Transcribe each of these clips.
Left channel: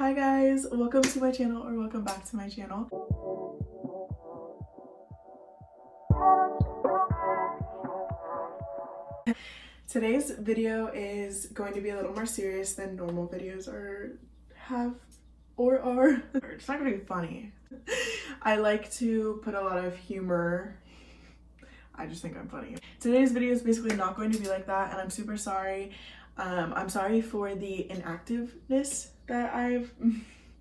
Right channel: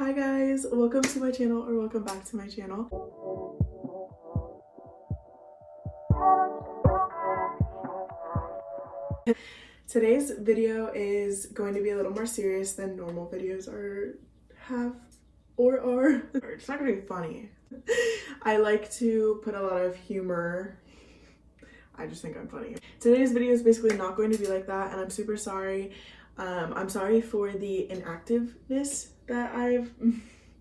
Hi guys, welcome to my channel, or welcome back to my channel. Today's video is going to be a little more serious than normal videos are. It's not gonna be funny. I like to put a lot of humor. I just think I'm funny. Today's video is basically not going to be like that, and I'm super sorry. I'm sorry for the inactiveness that I've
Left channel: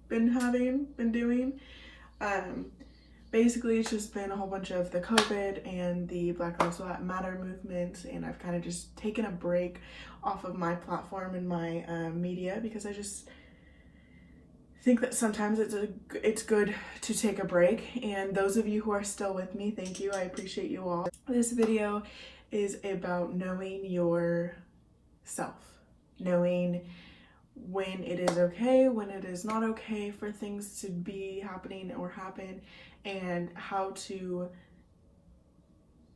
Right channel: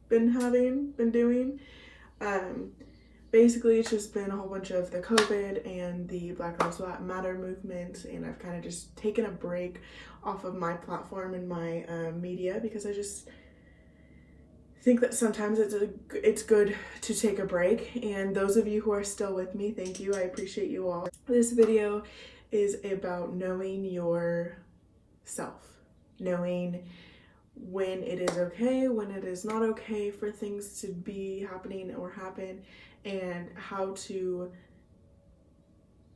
been doing. Basically it's just been a whole bunch of the COVID and the Black Lives Matter movement, and I've kind of just taken a break off of my platform and my media, because I just think that sometimes it's good to take a break. And those of you who are still with me, thank you. I appreciate you all. This video is about knowing yourself, knowing when it is okay, when it is not okay for things to be happening or happen, and how to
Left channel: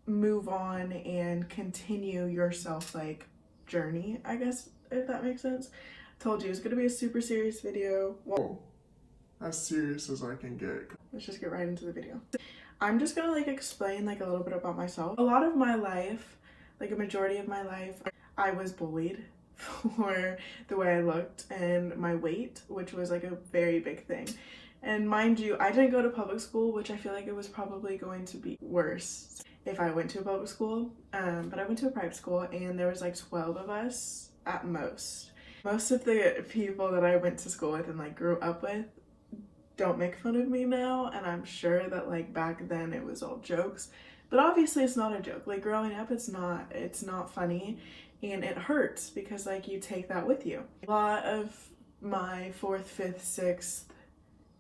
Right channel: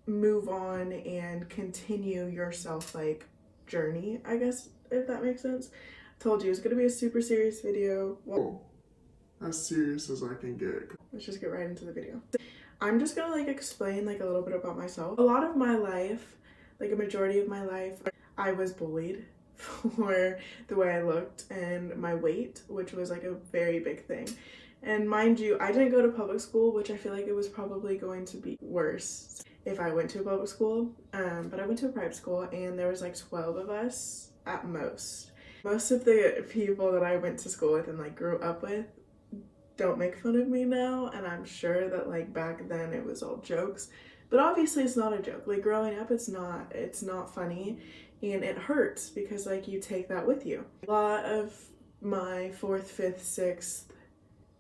move on and continue your self-like journey, I guess, if that makes sense. Told you it's gonna be a super serious video. Well, as serious as I can get. Let's just get right into the video. I'm just gonna explain a little bit about myself. A lot of my life, a majority of my life, I was bullied for the way I looked and my weight, which was a very big thing. And mind you, I didn't go to public school, which I feel like it was probably going to be worse if I went to a public school, but I went to a private school, and there was 12 of us at most. Most of the people that I went to school with and grew up with don't make fun of me now, and I'm sure that back then it was all jokes, but obviously it's not a joke. Growing up, it's not funny, and it hurts because you take that with you. A lot of my 4th, 5th, 6th,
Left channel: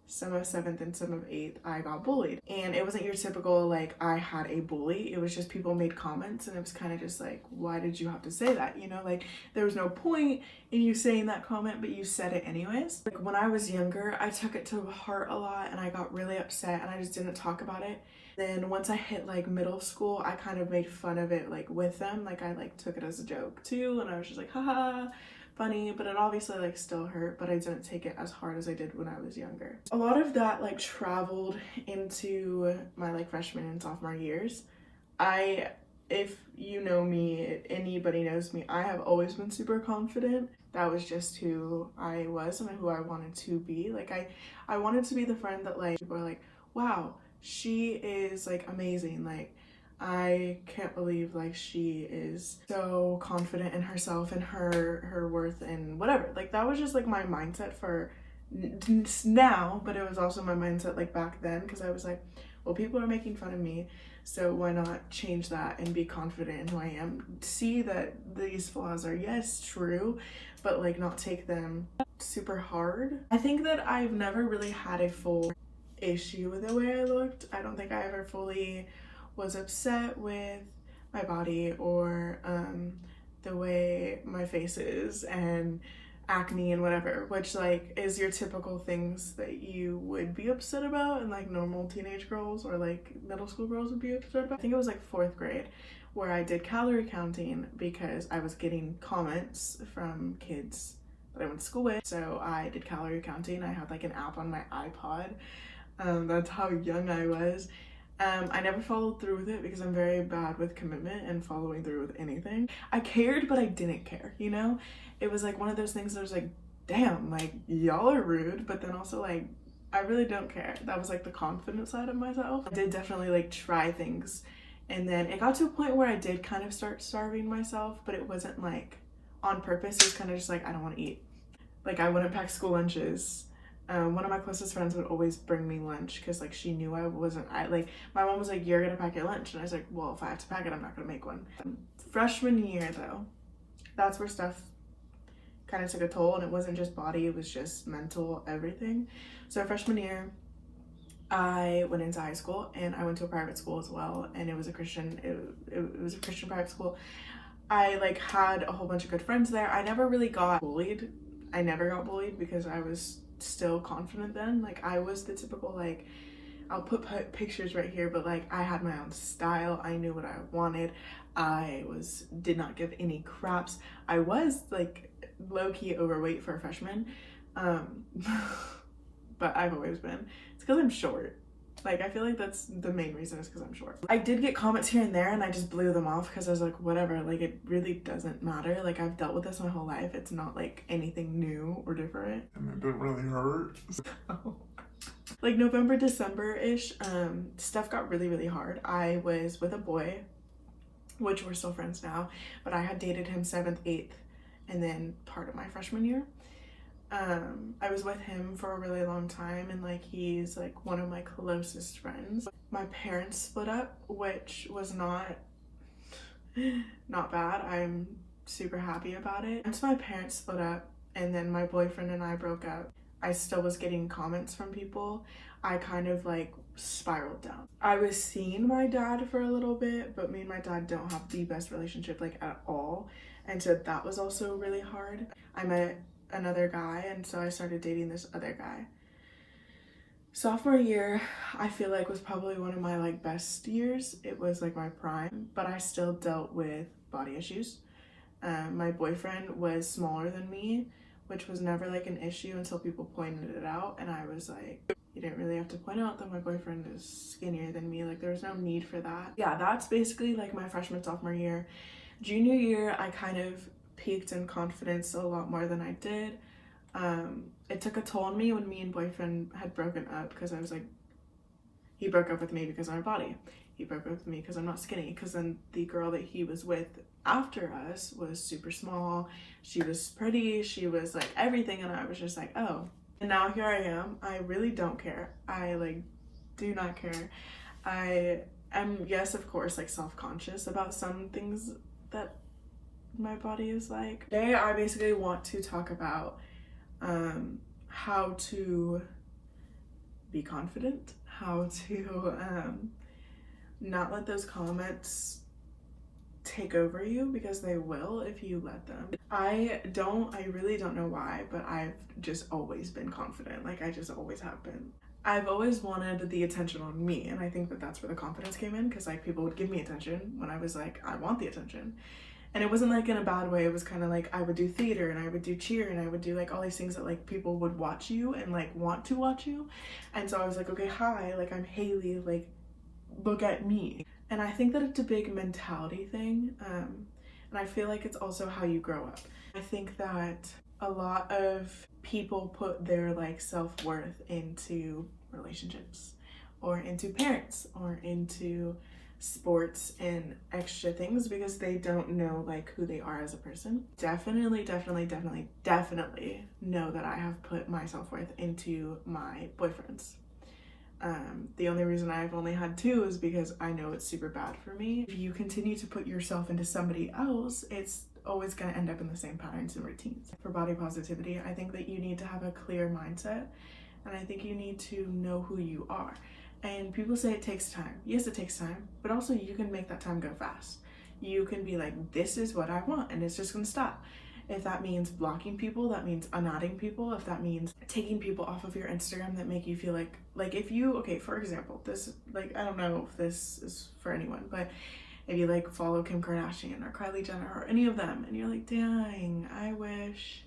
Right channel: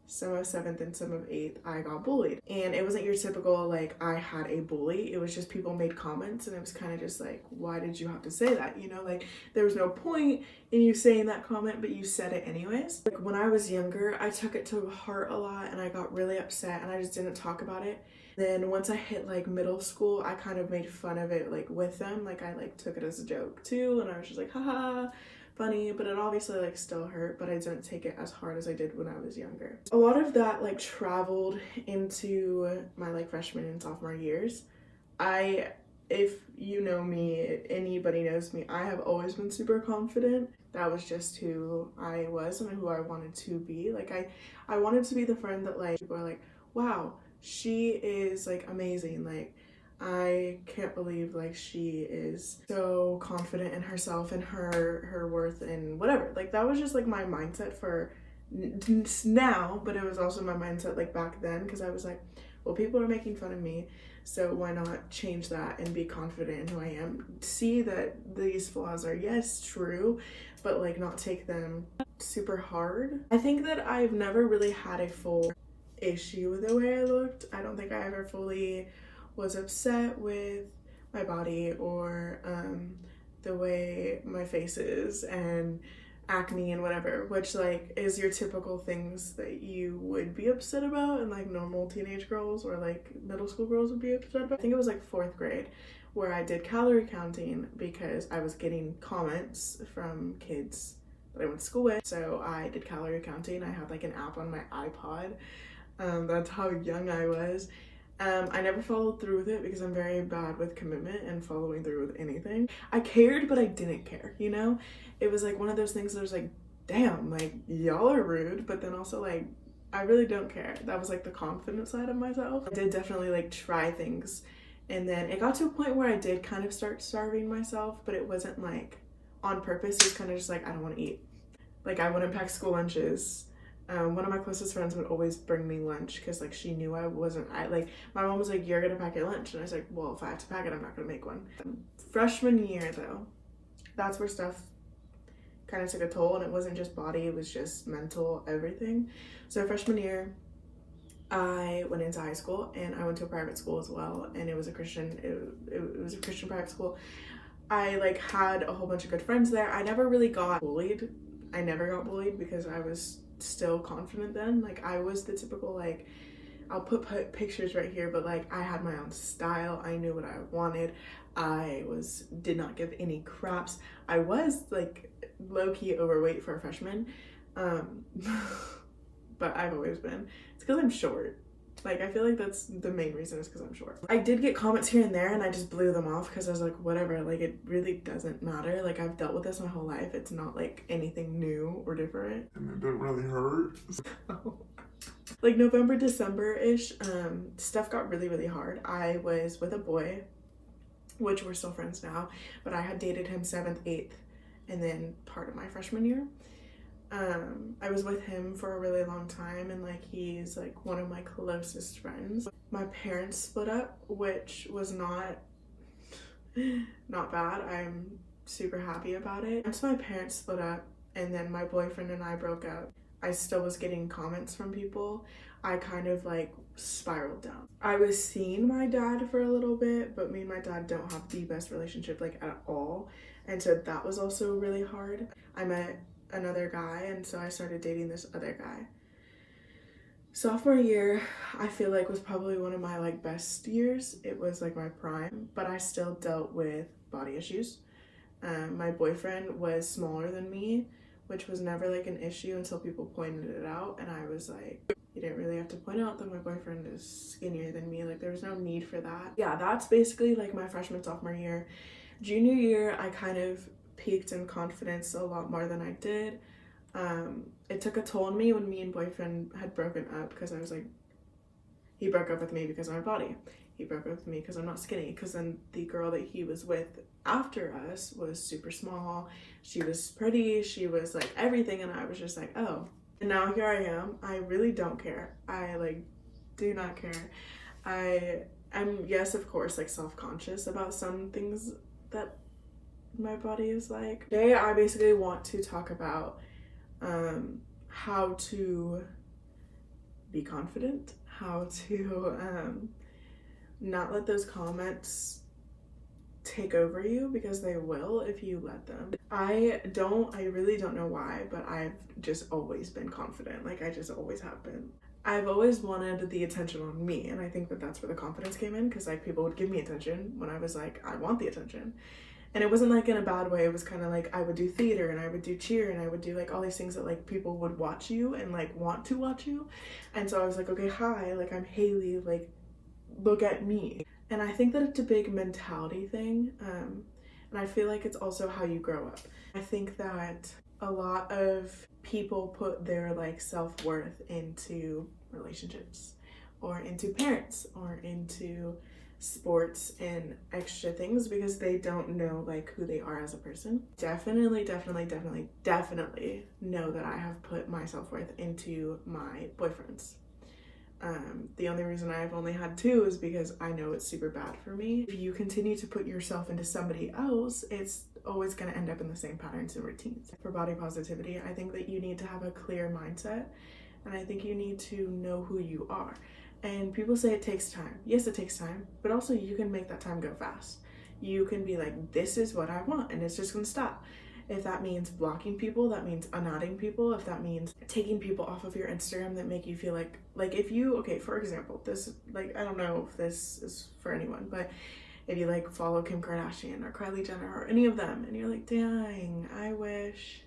some of 7th, and some of 8th, I got bullied, and it wasn't your typical I had a bully. It was just people made comments, and it was kind of just why did you have to say that, you know? There was no point in you saying that comment, but you said it anyways. When I was younger, I took it to heart a lot, and I got really upset, and I just didn't talk about it. Then once I hit middle school, I kind of made fun of it with them. I took it as a joke too, and I was just haha, funny, but it obviously still hurt, but I didn't take it as hard as I did when I was younger. A lot of that traveled into my freshman and sophomore years. If you know me, anybody knows me, I have always been super confident. That was just who I was and who I wanted to be. I wanted to be the friend that people are wow, she is amazing. I can't believe she is so confident in herself and her worth and whatever. That was just my mindset for now, but it was also my mindset back then, because I was well, people are making fun of me, so why not change that and be confident in who I am? See that these flaws are, yes, true, but not take them super hard. I think that I've never really had a full issue with the way I looked. I don't think I ever fully was upset with my body or the way my face is and acne and whatever, which is your typical things that you would be upset about, and normal teenage girls or middle school girls would be upset about. I think it was 4th grade where I did calorie counting because I was getting comments from kids that I went to school with. So I did calorie counting. I had an app on my iPod. That's how young I was. I never followed through with it because I'm very bad with commitment and following through with anything. I cared, but I didn't care, you know? It was one of those things that was damn, y'all are rude, but then also I really don't care. That was the confident side of myself. I did definitely try things, and then it got to a point where I did kind of start starving myself, but it wasn't on purpose. It was kind of just I don't want to eat. I wouldn't pack school lunches. One of my closest friends would always bring me lunch because she knew I wasn't, my mom was you're gonna pack your lunch, and I was well, if I have to pack it, I'm not gonna make one. Freshman year though, that's where stuff kind of took a toll, and it wasn't just body, it was just mental, everything. So freshman year, I went into high school, and I went to a private school as well, and it was a Christian, it was a Christian private school. I had a whole bunch of good friends there. I never really got bullied. I never got bullied because I was still confident then. I was the typical I'll put pictures right here, but I had my own style. I knew what I wanted. I did not give any craps. I was low-key overweight for a freshman, but I've always been. It's because I'm short. Like, I feel like that's the main reason, is because I'm short. I did get comments here and there and I just blew them off because I was like, whatever, like, it really doesn't matter. Like, I've dealt with this my whole life. It's not like anything new or different. And it didn't really hurt. Like November, December-ish, stuff got really, really hard. I was with a boy, which we're still friends now, but I had dated him 7th, 8th, and then part of my freshman year. I was with him for a really long time, and like he's like one of my closest friends. My parents split up, which was not bad. I'm super happy about it. Once my parents split up and then my boyfriend and I broke up, I still was getting comments from people. I kind of like spiraled down. I was seeing my dad for a little bit, but me and my dad don't have the best relationship like at all, and so that was also really hard. I met another guy, and so I started dating this other guy. Sophomore year, I feel like was probably one of my like best years. It was like my prime, but I still dealt with body issues. My boyfriend was smaller than me, which was never like an issue until people pointed it out, and I was like, you didn't really have to point out that my boyfriend is skinnier than me. Like, there was no need for that. Yeah, that's basically like my freshman, sophomore year. Junior year, I kind of peaked in confidence a lot more than I did. It took a toll on me when me and boyfriend had broken up, because I was like, he broke up with me because of my body. He broke up with me because I'm not skinny, because then the girl that he was with after us was super small. She was pretty, she was like everything, and I was just like, oh. And now here I am. I really don't care. I like do not care. I am, yes, of course, like self-conscious about some things that my body is like. Today I basically want to talk about how to be confident, how to not let those comments take over you, because they will if you let them. I really don't know why, but I've just always been confident. Like, I just always have been. I've always wanted the attention on me, and I think that that's where the confidence came in, because like people would give me attention when I was like, I want the attention. And it wasn't like in a bad way. It was kind of like I would do theater and I would do cheer and I would do like all these things that like people would watch you and like want to watch you. And so I was like, okay, hi, like I'm Hailee, like look at me. And I think that it's a big mentality thing. And I feel like it's also how you grow up. I think that a lot of people put their like self-worth into relationships or into parents or into sports and extra things, because they don't know like who they are as a person. Definitely know that I have put my self-worth into my boyfriends. The only reason I've only had 2 is because I know it's super bad for me. If you continue to put yourself into somebody else, it's always going to end up in the same patterns and routines. For body positivity, I think that you need to have a clear mindset, and I think you need to know who you are. And people say it takes time. Yes, it takes time, but also you can make that time go fast. You can be like, this is what I want, and it's just gonna stop. If that means blocking people, that means unadding people. If that means taking people off of your Instagram that make you feel like if you, okay, for example, this, like, I don't know if this is for anyone, but if you like follow Kim Kardashian or Kylie Jenner or any of them, and you're like, dang, I wish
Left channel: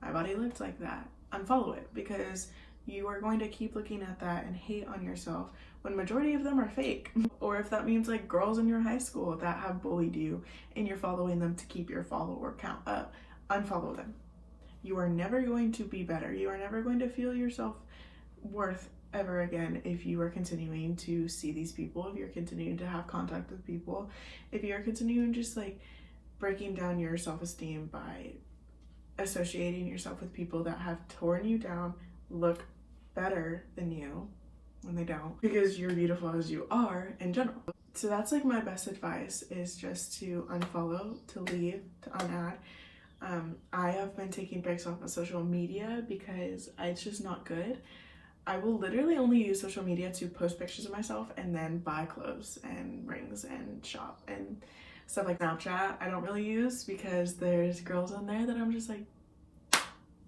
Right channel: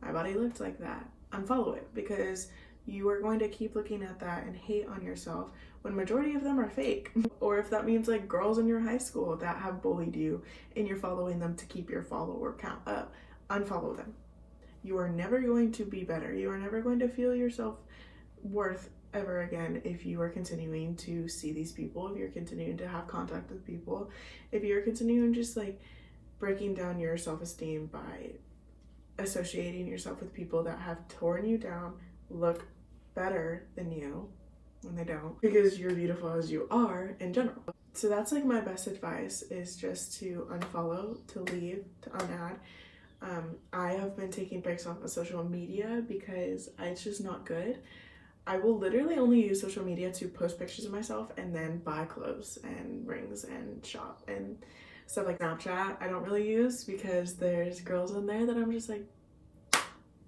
my body looked like that, unfollow it, because you are going to keep looking at that and hate on yourself when majority of them are fake. Or if that means like girls in your high school that have bullied you and you're following them to keep your follower count up, unfollow them. You are never going to be better. You are never going to feel yourself worth ever again if you are continuing to see these people, if you're continuing to have contact with people, if you're continuing just like breaking down your self-esteem by associating yourself with people that have torn you down, look better than you when they don't, because you're beautiful as you are in general. So that's like my best advice, is just to unfollow, to leave, to unadd. I have been taking breaks off of social media because it's just not good. I will literally only use social media to post pictures of myself and then buy clothes and rings and shop and stuff. Like Snapchat I don't really use because there's girls on there that I'm just like,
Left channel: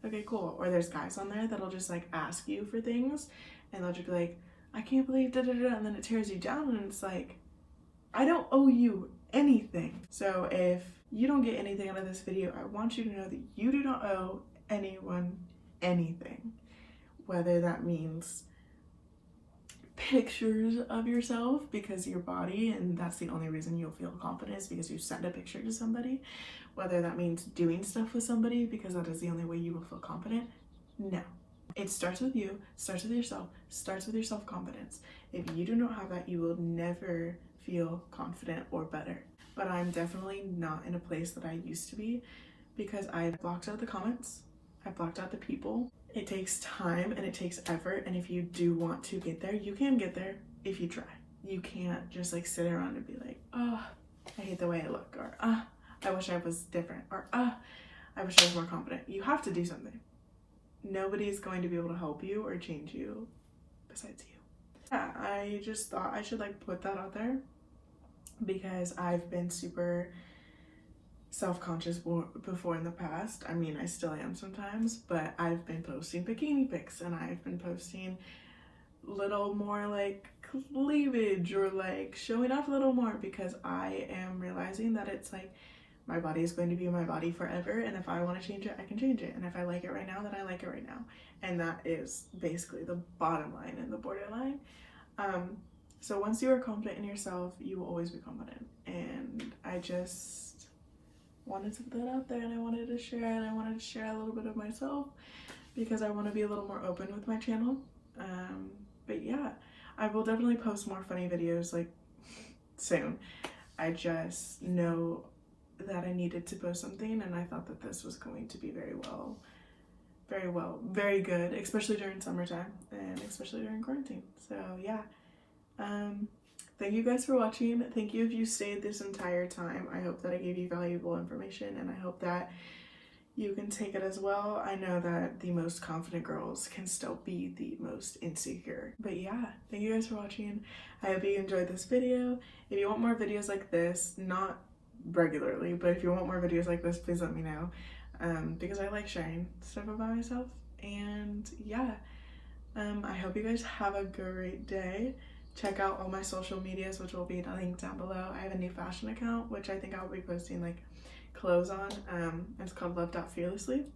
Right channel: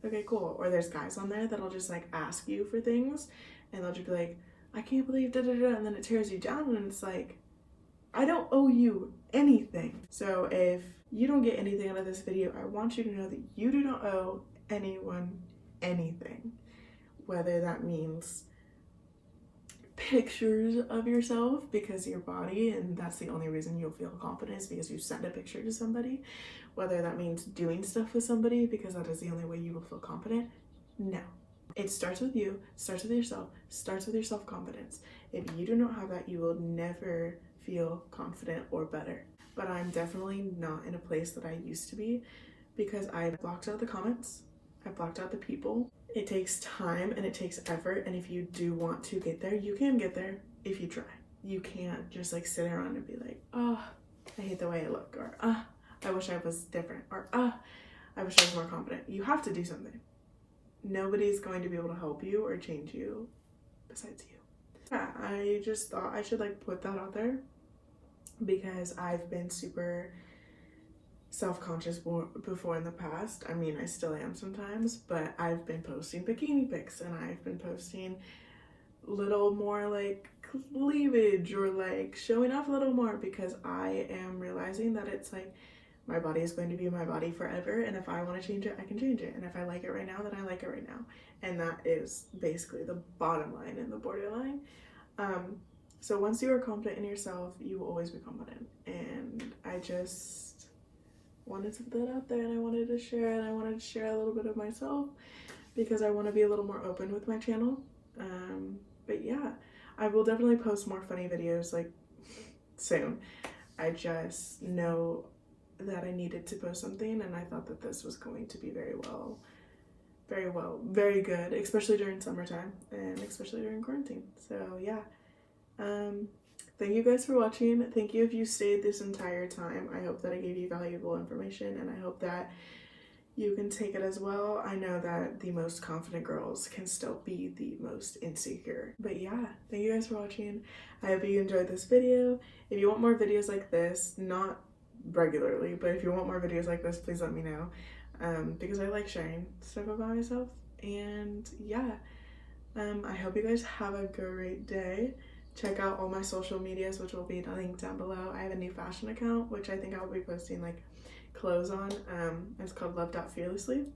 okay, cool. Or there's guys on there that'll just like ask you for things, and they'll just be like, I can't believe da da da, and then it tears you down, and it's like, I don't owe you anything. So if you don't get anything out of this video, I want you to know that you do not owe anyone anything. whether that means pictures of yourself because your body, and that's the only reason you'll feel confident is because you send a picture to somebody, whether that means doing stuff with somebody because that is the only way you will feel confident. No, it starts with you, starts with yourself, starts with your self-confidence. If you do not have that, you will never feel confident or better. But I'm definitely not in a place that I used to be because I blocked out the comments, I blocked out the people. It takes time and it takes effort, and if you do want to get there, you can get there if you try. You can't just like sit around and be like, oh, I hate the way I look, or I wish I was different, or I wish I was more confident. You have to do something. Nobody's going to be able to help you or change you besides you. Yeah, I just thought I should like put that out there because I've been super self-conscious before in the past. I mean, I still am sometimes, but I've been posting bikini pics and I've been posting little more like cleavage or like showing off a little more because I am realizing that it's like my body is going to be my body forever, and if I want to change it, I can change it, and if I like it right now, then I like it right now, and that is basically the bottom line and the borderline. So once you are confident in yourself, you will always be confident, and I just wanted to put that out there, and I wanted to share a little bit of myself because I want to be a little more open with my channel. But yeah, I will definitely post more funny videos like soon. I just know that I needed to post something, and I thought that this was going to be very good, especially during summertime and especially during quarantine. So yeah, thank you guys for watching. Thank you if you stayed this entire time. I hope that I gave you valuable information, and I hope that you can take it as well. I know that the most confident girls can still be the most insecure. But yeah, thank you guys for watching. I hope you enjoyed this video. If you want more videos like this, not regularly, but if you want more videos like this, please let me know, because I like sharing stuff about myself. And yeah, I hope you guys have a great day. Check out all my social medias, which will be linked down below. I have a new fashion account, which I think I'll be posting like clothes on. It's called love.fearlesslyyy,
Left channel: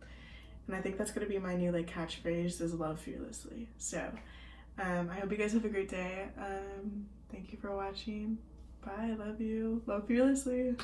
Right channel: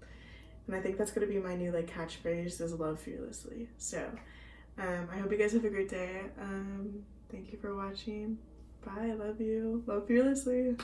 and I think that's gonna be my new like catchphrase is love fearlessly. So I hope you guys have a great day. Thank you for watching. Bye. I love you. Love fearlessly.